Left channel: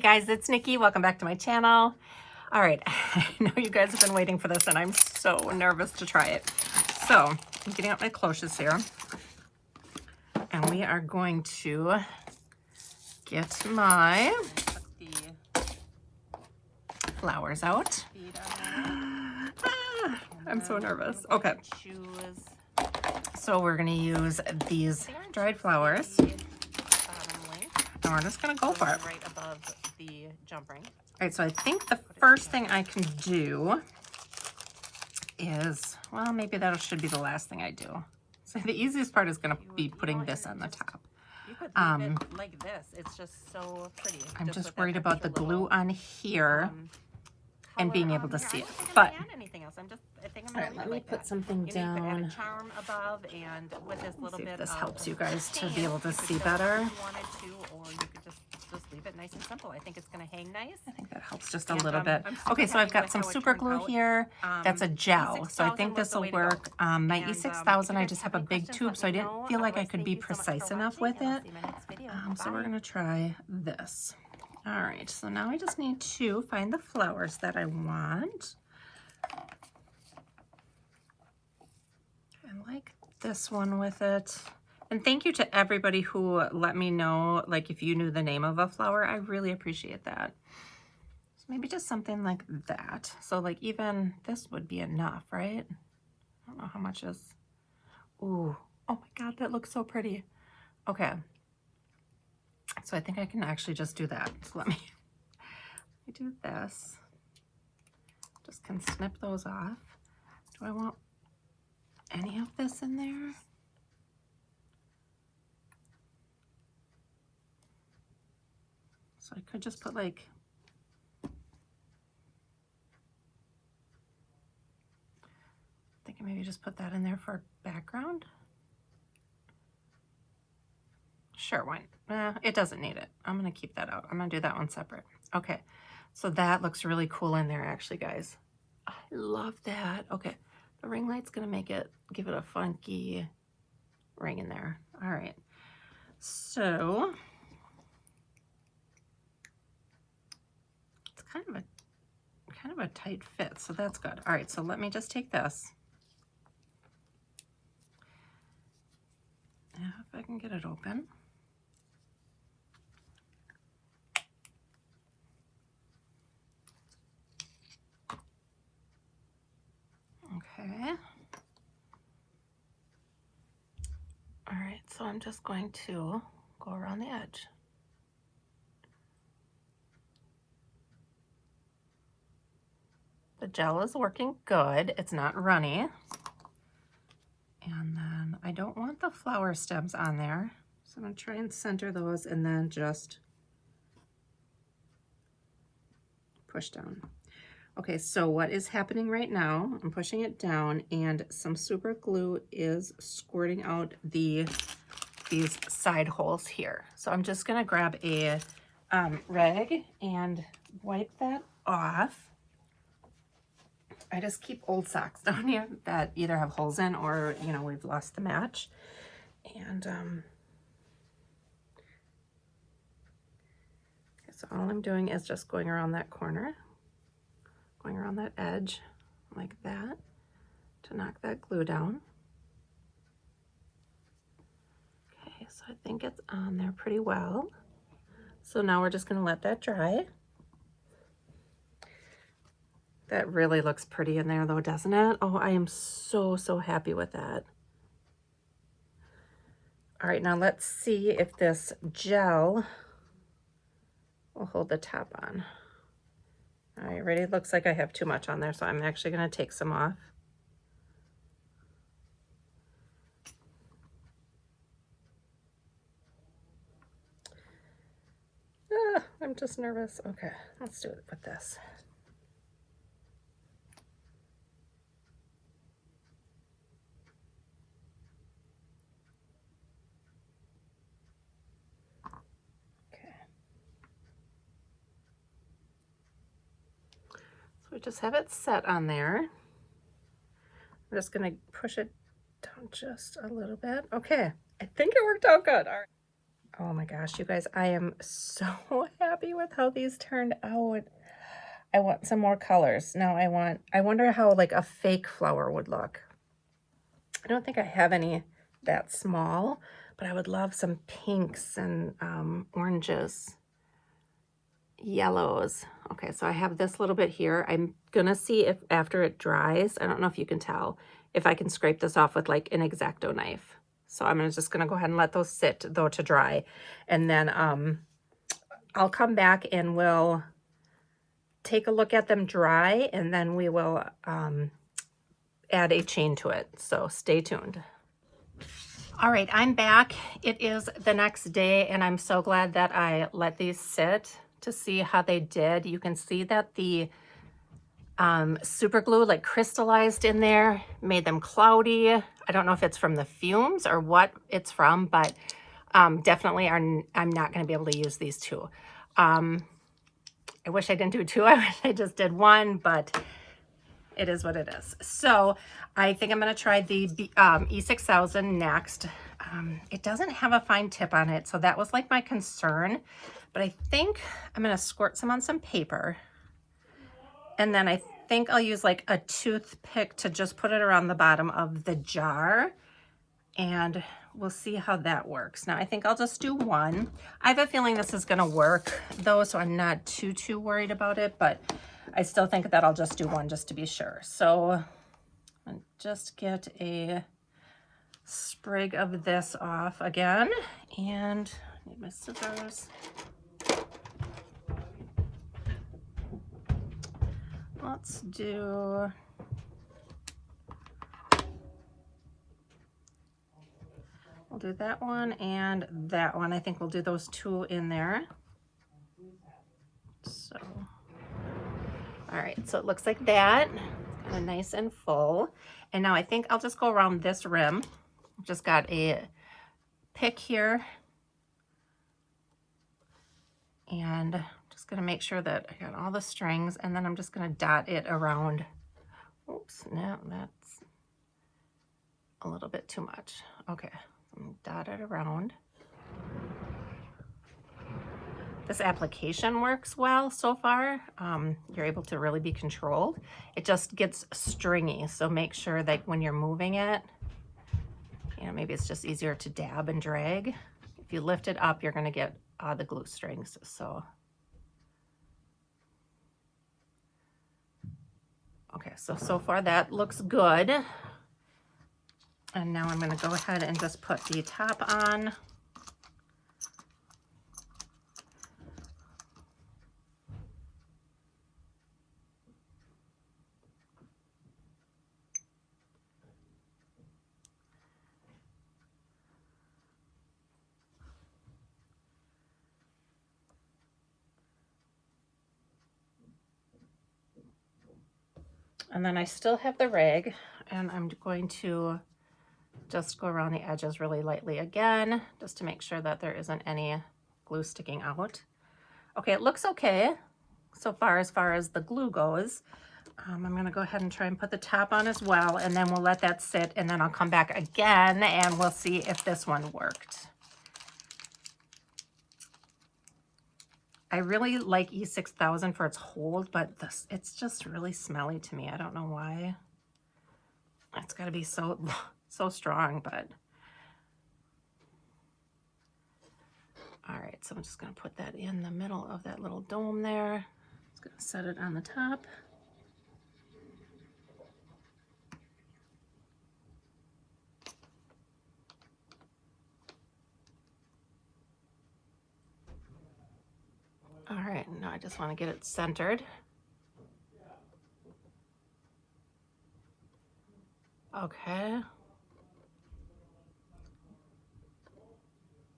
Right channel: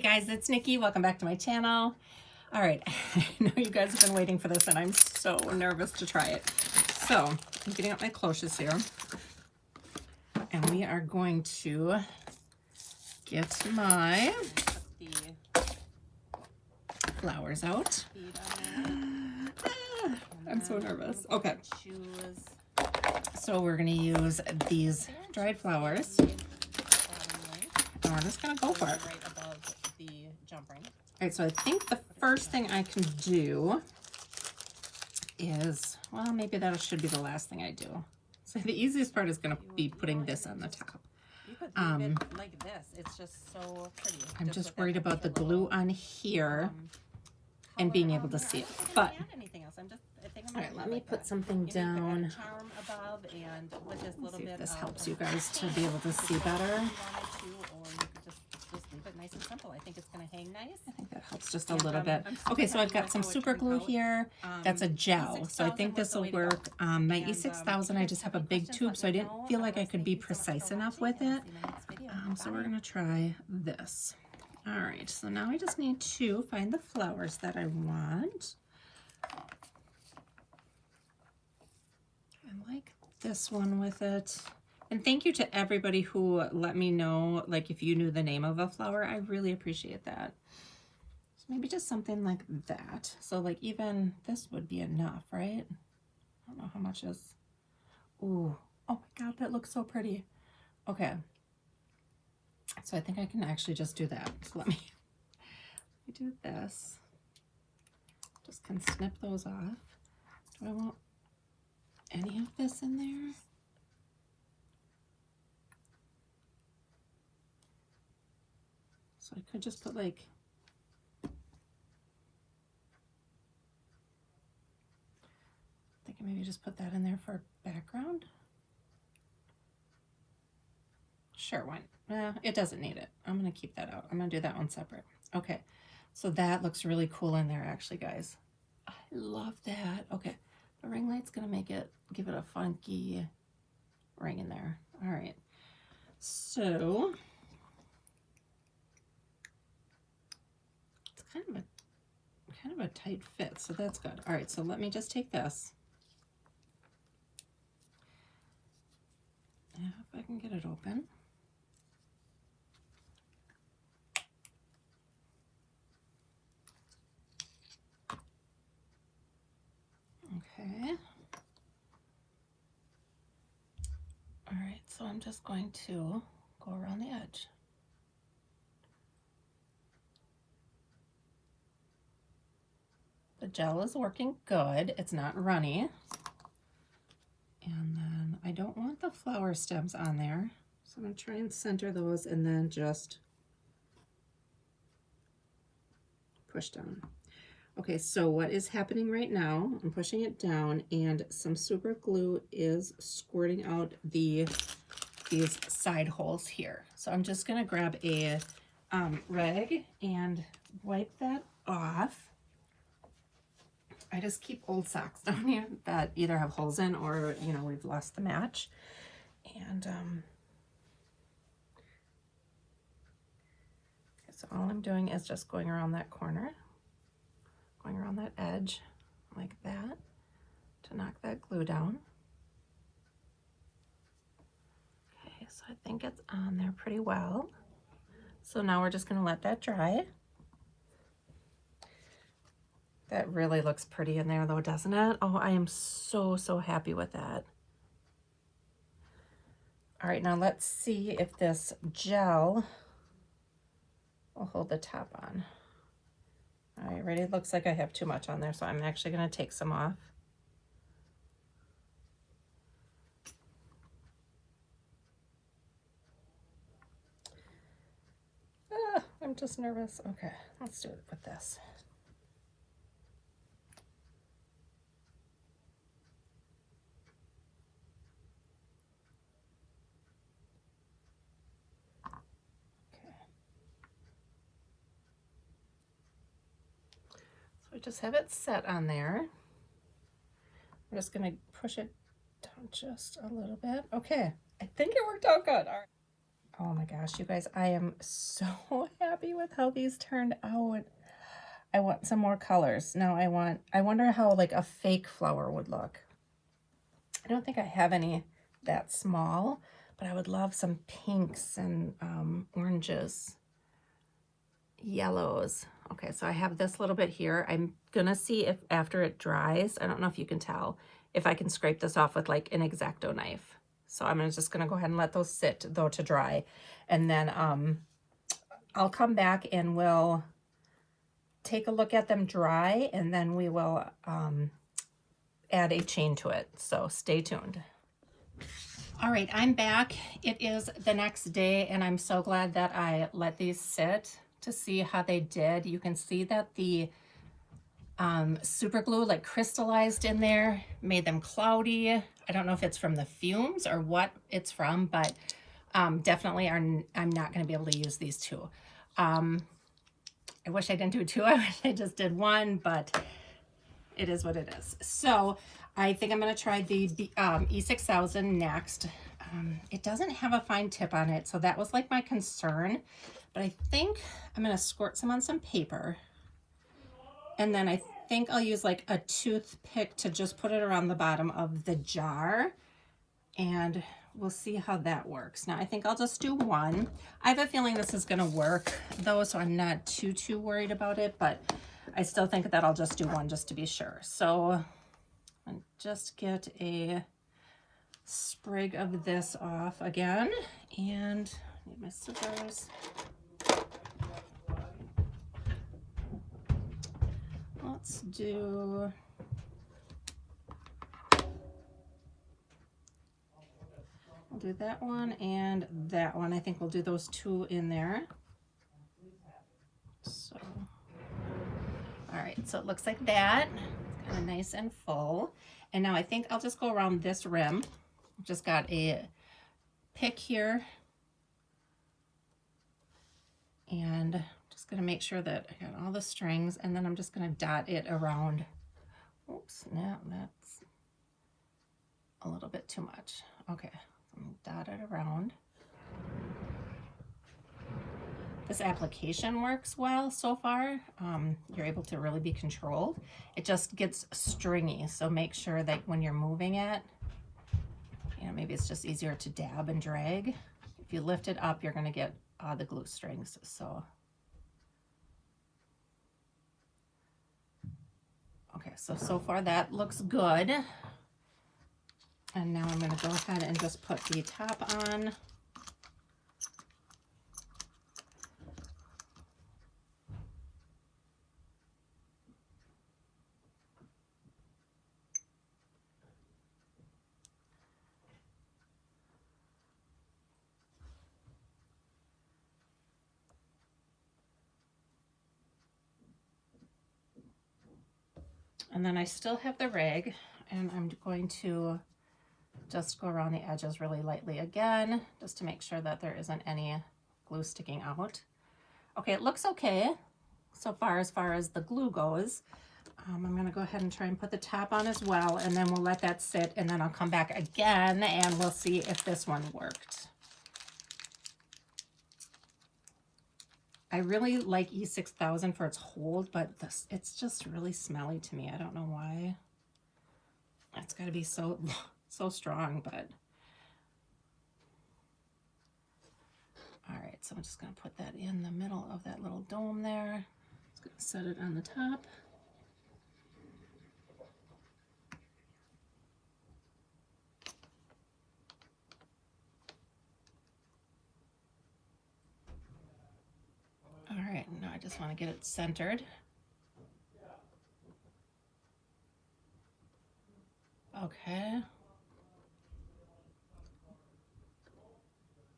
guys, it's Nikki. Welcome back to my channel. All right, I know you guys have been waiting for this and I'm so nervous to try it. So I'm getting out my cloches here and we are going to get my flowers out. I'm so nervous. Okay. So we're going to use these dried flowers. And we're just going to go for it. Right above the jump ring. All right, so I think the first thing I can do is, well, maybe that should be the last thing I do. So the easiest part is going to be putting this on the top. You could leave it like this. It's just so pretty. I'm just worried about the glue on here and being able to see it. But all right, let me put something down. Charm above and with this little See if bit this of helps you guys to be able to see better. Or you could just leave it nice and simple. I think it's going to hang nice. I think that helps just a little bit. Okay, so I've got some super glue here. That's a gel, so I think this will work. My E6000, I just have a big tube, so I didn't feel like I could be precise enough with it. So we're going to try this. All right, so now I just need to find the flowers that I want. I like this one with it. And thank you to everybody who let me know, like, if you knew the name of a flower. I really appreciate that. So maybe just something like that. So like even this would be enough, right? I don't know how much is. Ooh, oh my God, that looks so pretty. Okay. So I think I can actually just do that. So let me do this. Just can snip those off. Do I want any of this in there? So I could just put like, I think I maybe just put that in there for background. Sure, why? It doesn't need it. I'm gonna keep that out. I'm gonna do that one separate. Okay, so that looks really cool in there actually, guys. I love that. Okay, the ring light's gonna make it, give it a funky ring in there. All right, so it's kind of a tight fit, so that's good. All right, so let me just take this. If I can get it open. Okay. All right, so I'm just going to go around the edge. The gel is working good. It's not runny. And then I don't want the flower stems on there. So I'm gonna try and center those and then just push down. Okay, so what is happening right now, I'm pushing it down and some super glue is squirting out these side holes here. So I'm just gonna grab a rag and wipe that off. I just keep old socks down here that either have holes in or, you know, we've lost the match. And so all I'm doing is just going around that corner, going around that edge like that to knock that glue down. Okay, so I think it's on there pretty well. So now we're just gonna let that dry. That really looks pretty in there though, doesn't it? Oh, I am so, so happy with that. All right, now let's see if this gel will hold the top on. All right, ready? It looks like I have too much on there, so I'm actually gonna take some off. I'm just nervous. Okay, let's do it with this. We just have it set on there. I'm just gonna push it down just a little bit. Okay, I think it worked out good. Oh my gosh, you guys, I am so happy with how these turned out. I want some more colors. Now I wonder how like a fake flower would look. I don't think I have any that small, but I would love some pinks and oranges, yellows. Okay, so I have this little bit here. I'm gonna see if after it dries, I don't know if you can tell, if I can scrape this off with like an X-Acto knife. So I'm just gonna go ahead and let those sit though to dry. And then I'll come back and we'll take a look at them dry, and then we will add a chain to it. So stay tuned. All right, I'm back. It is the next day, and I'm so glad that I let these sit to see how they did. You can see that the super glue like crystallized in there, made them cloudy. I don't know if it's from the fumes or what it's from, but definitely I'm not going to be able to use these two. I wish I didn't do two. I wish I just did one, but it is what it is. So I think I'm going to try the E6000 next. It doesn't have a fine tip on it, so that was like my concern. But I think I'm going to squirt some on some paper. And then I think I'll use like a toothpick to just put it around the bottom of the jar. And we'll see how that works. Now I think I'll just do one. I have a feeling this is going to work though, so I'm not too worried about it. But I still think that I'll just do one just to be sure. So I'll just get a sprig of this off again. And I need my scissors. Let's do, we'll do that one and that one. I think we'll do those two in there. So, all right, so it looks like that, nice and full. And now I think I'll just go around this rim. Just got a pick here. And just gonna make sure that I got all the strings, and then I'm just gonna dot it around. Oops, no, that's a little bit too much. Okay, dot it around. This application works well so far. You're able to really be controlled. It just gets stringy, so make sure that when you're moving it, you know, maybe it's just easier to dab and drag. If you lift it up, you're gonna get the glue strings. So, okay, so far that looks good. And now I'm gonna go ahead and just put the top on. And then I still have the rag, and I'm going to just go around the edges really lightly again, just to make sure that there isn't any glue sticking out. Okay, it looks okay so far as the glue goes. I'm gonna go ahead and try and put the top on as well, and then we'll let that sit, and then I'll come back again and we'll see if this one worked. I really like E6000 for its hold, but it's just really smelly to me. I don't know why. It's got to be so strong, but. All right, so I'm just going to put that in the middle of that little dome there. Just going to set it on the top. All right, now I just want to get it centered. Okay.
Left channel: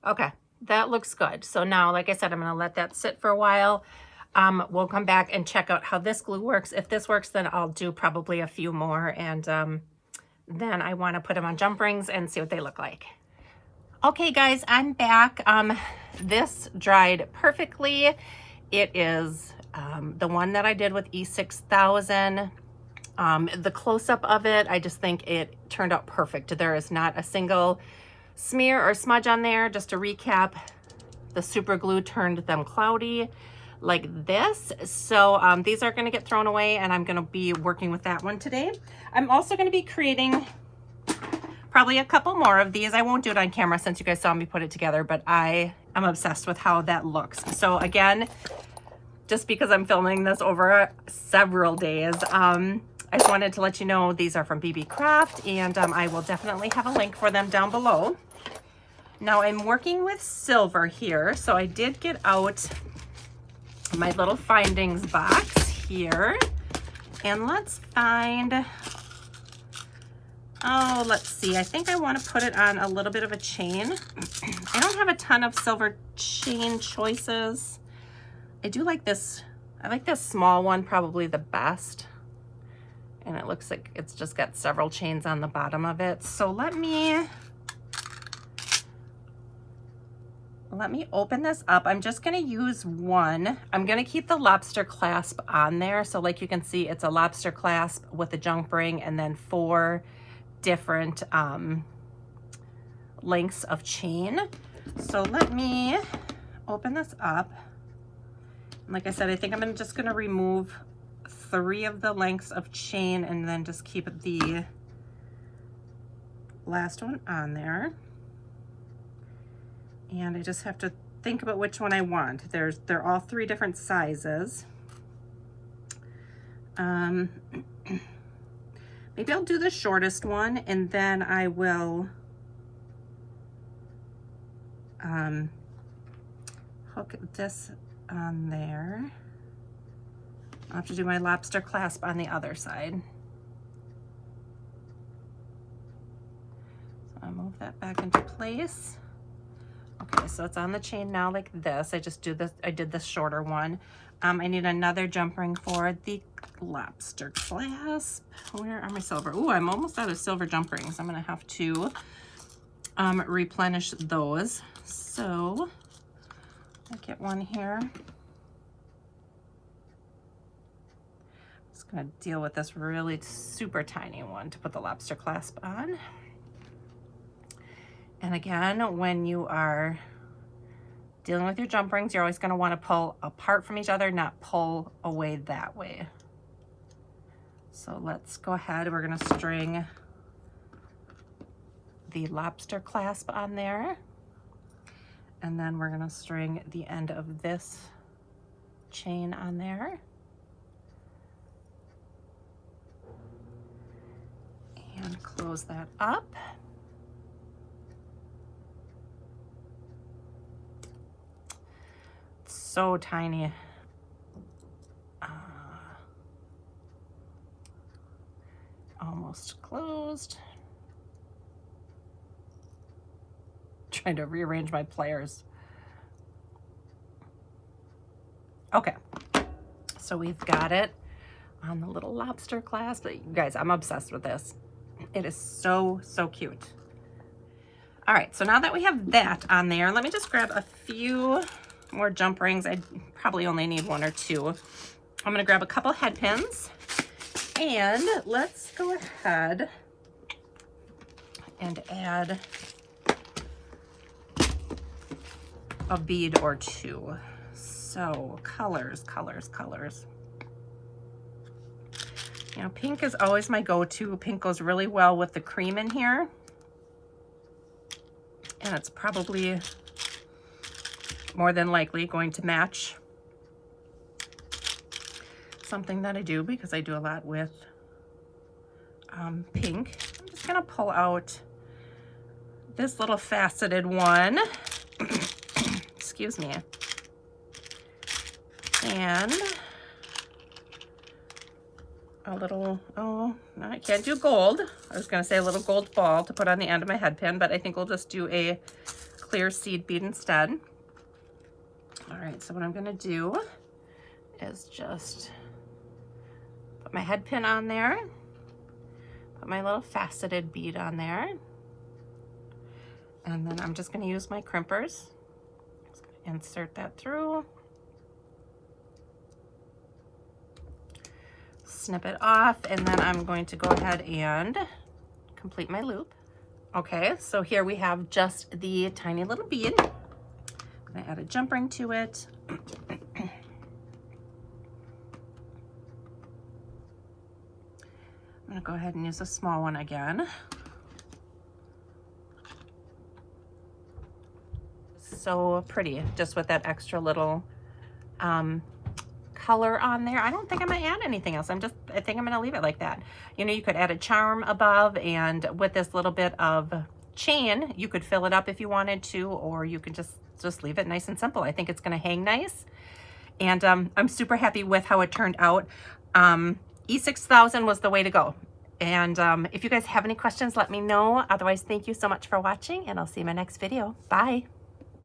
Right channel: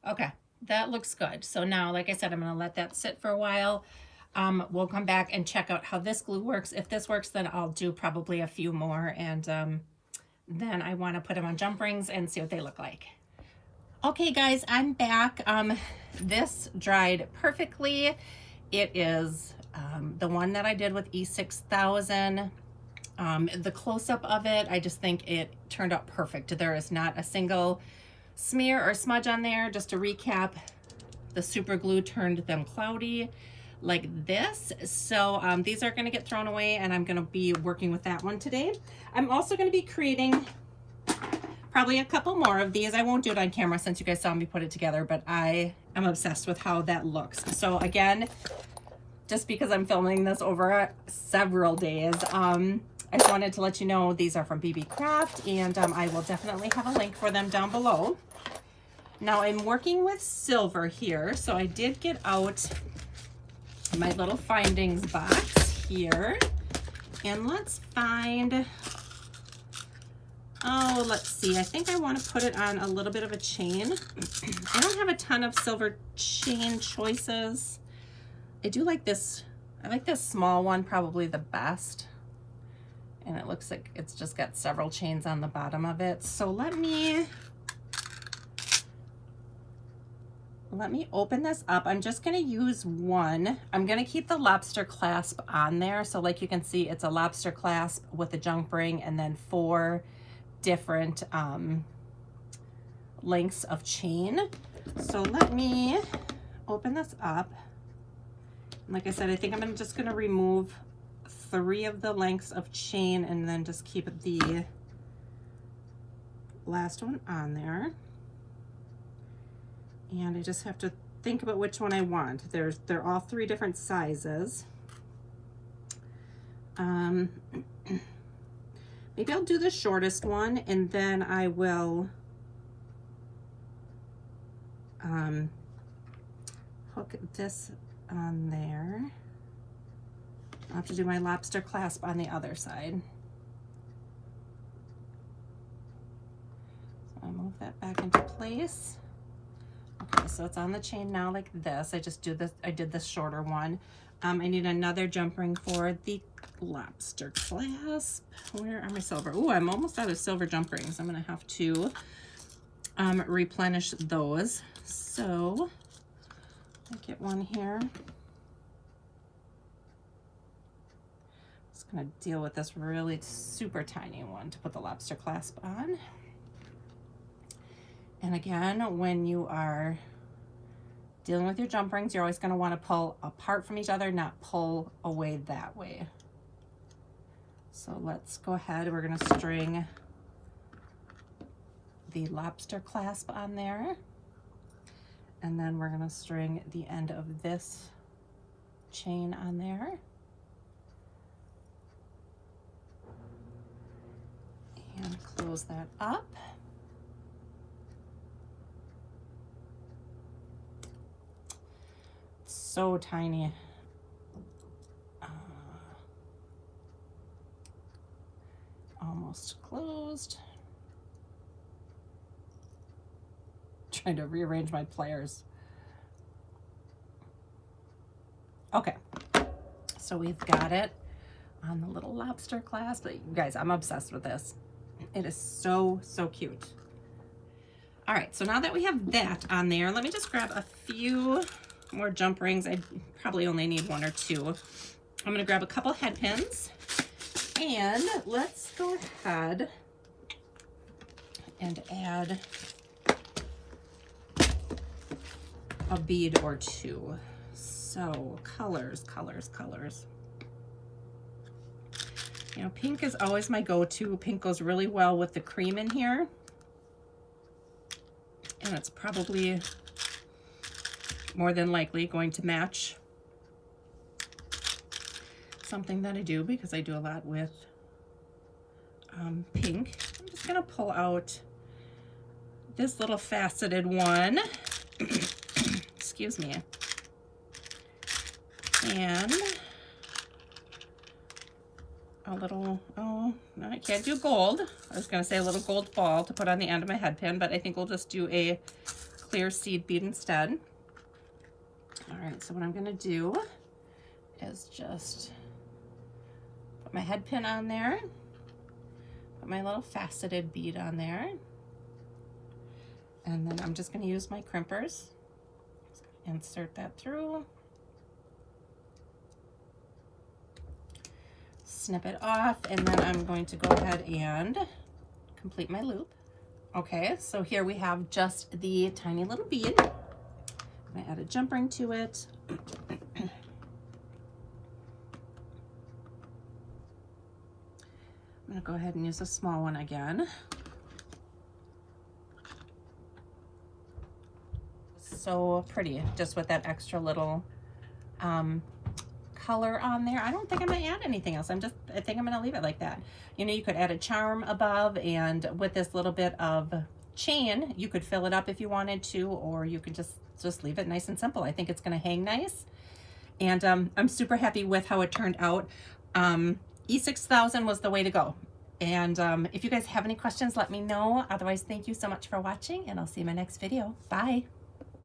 Okay, that looks good. So now, like I said, I'm going to let that sit for a while. We'll come back and check out how this glue works. If this works, then I'll do probably a few more, and then I want to put them on jump rings and see what they look like. Okay, guys, I'm back. This dried perfectly. It is the one that I did with E6000. The close-up of it, I just think it turned out perfect. There is not a single smear or smudge on there. Just to recap, the super glue turned them cloudy like this. So these are going to get thrown away, and I'm going to be working with that one today. I'm also going to be creating probably a couple more of these. I won't do it on camera since you guys saw me put it together, but I am obsessed with how that looks. So again, just because I'm filming this over several days, I just wanted to let you know these are from BB Craft, and I will definitely have a link for them down below. Now I'm working with silver here, so I did get out my little findings box here, and let's find, oh, let's see, I think I want to put it on a little bit of a chain. I don't have a ton of silver chain choices. I do like this, I like this small one probably the best. And it looks like it's just got several chains on the bottom of it. So let me open this up. I'm just gonna use one. I'm gonna keep the lobster clasp on there. So like you can see, it's a lobster clasp with a jump ring and then 4 different lengths of chain. So let me open this up. Like I said, I think I'm just gonna remove 3 of the lengths of chain and then just keep the last one on there. And I just have to think about which one I want. They're all 3 different sizes. Maybe I'll do the shortest one, and then I will hook this on there. I'll have to do my lobster clasp on the other side. So I'll move that back into place. Okay, so it's on the chain now like this. I did the shorter one. I need another jump ring for the lobster clasp. Where are my silver? Oh, I'm almost out of silver jump rings. I'm gonna have to replenish those. So I'll get one here. Gonna deal with this really super tiny one to put the lobster clasp on. And again, when you are dealing with your jump rings, you're always going to want to pull apart from each other, not pull away that way. So let's go ahead. We're going to string the lobster clasp on there, and then we're going to string the end of this chain on there. And close that up. It's so tiny. Almost closed. Trying to rearrange my pliers. Okay, so we've got it on the little lobster clasp. You guys, I'm obsessed with this. It is so, so cute. All right, so now that we have that on there, let me just grab a few more jump rings. I probably only need 1 or 2. I'm gonna grab a couple head pins, and let's go ahead and add a bead or 2. So colors. You know, pink is always my go-to. Pink goes really well with the cream in here. And it's probably more than likely going to match something that I do, because I do a lot with pink. I'm just gonna pull out this little faceted one. Excuse me. And a little, oh, no, I can't do gold. I was gonna say a little gold ball to put on the end of my head pin, but I think we'll just do a clear seed bead instead. All right, so what I'm gonna do is just put my head pin on there, put my little faceted bead on there, and then I'm just gonna use my crimpers. Just gonna insert that through. Snip it off, and then I'm going to go ahead and complete my loop. Okay, so here we have just the tiny little bead. I'm gonna add a jump ring to it. I'm gonna go ahead and use a small one again. So pretty, just with that extra little color on there. I don't think I'm gonna add anything else. I think I'm gonna leave it like that. You know, you could add a charm above, and with this little bit of chain, you could fill it up if you wanted to, or you could just leave it nice and simple. I think it's gonna hang nice. And I'm super happy with how it turned out. E6000 was the way to go. And if you guys have any questions, let me know. Otherwise, thank you so much for watching, and I'll see you in my next video. Bye.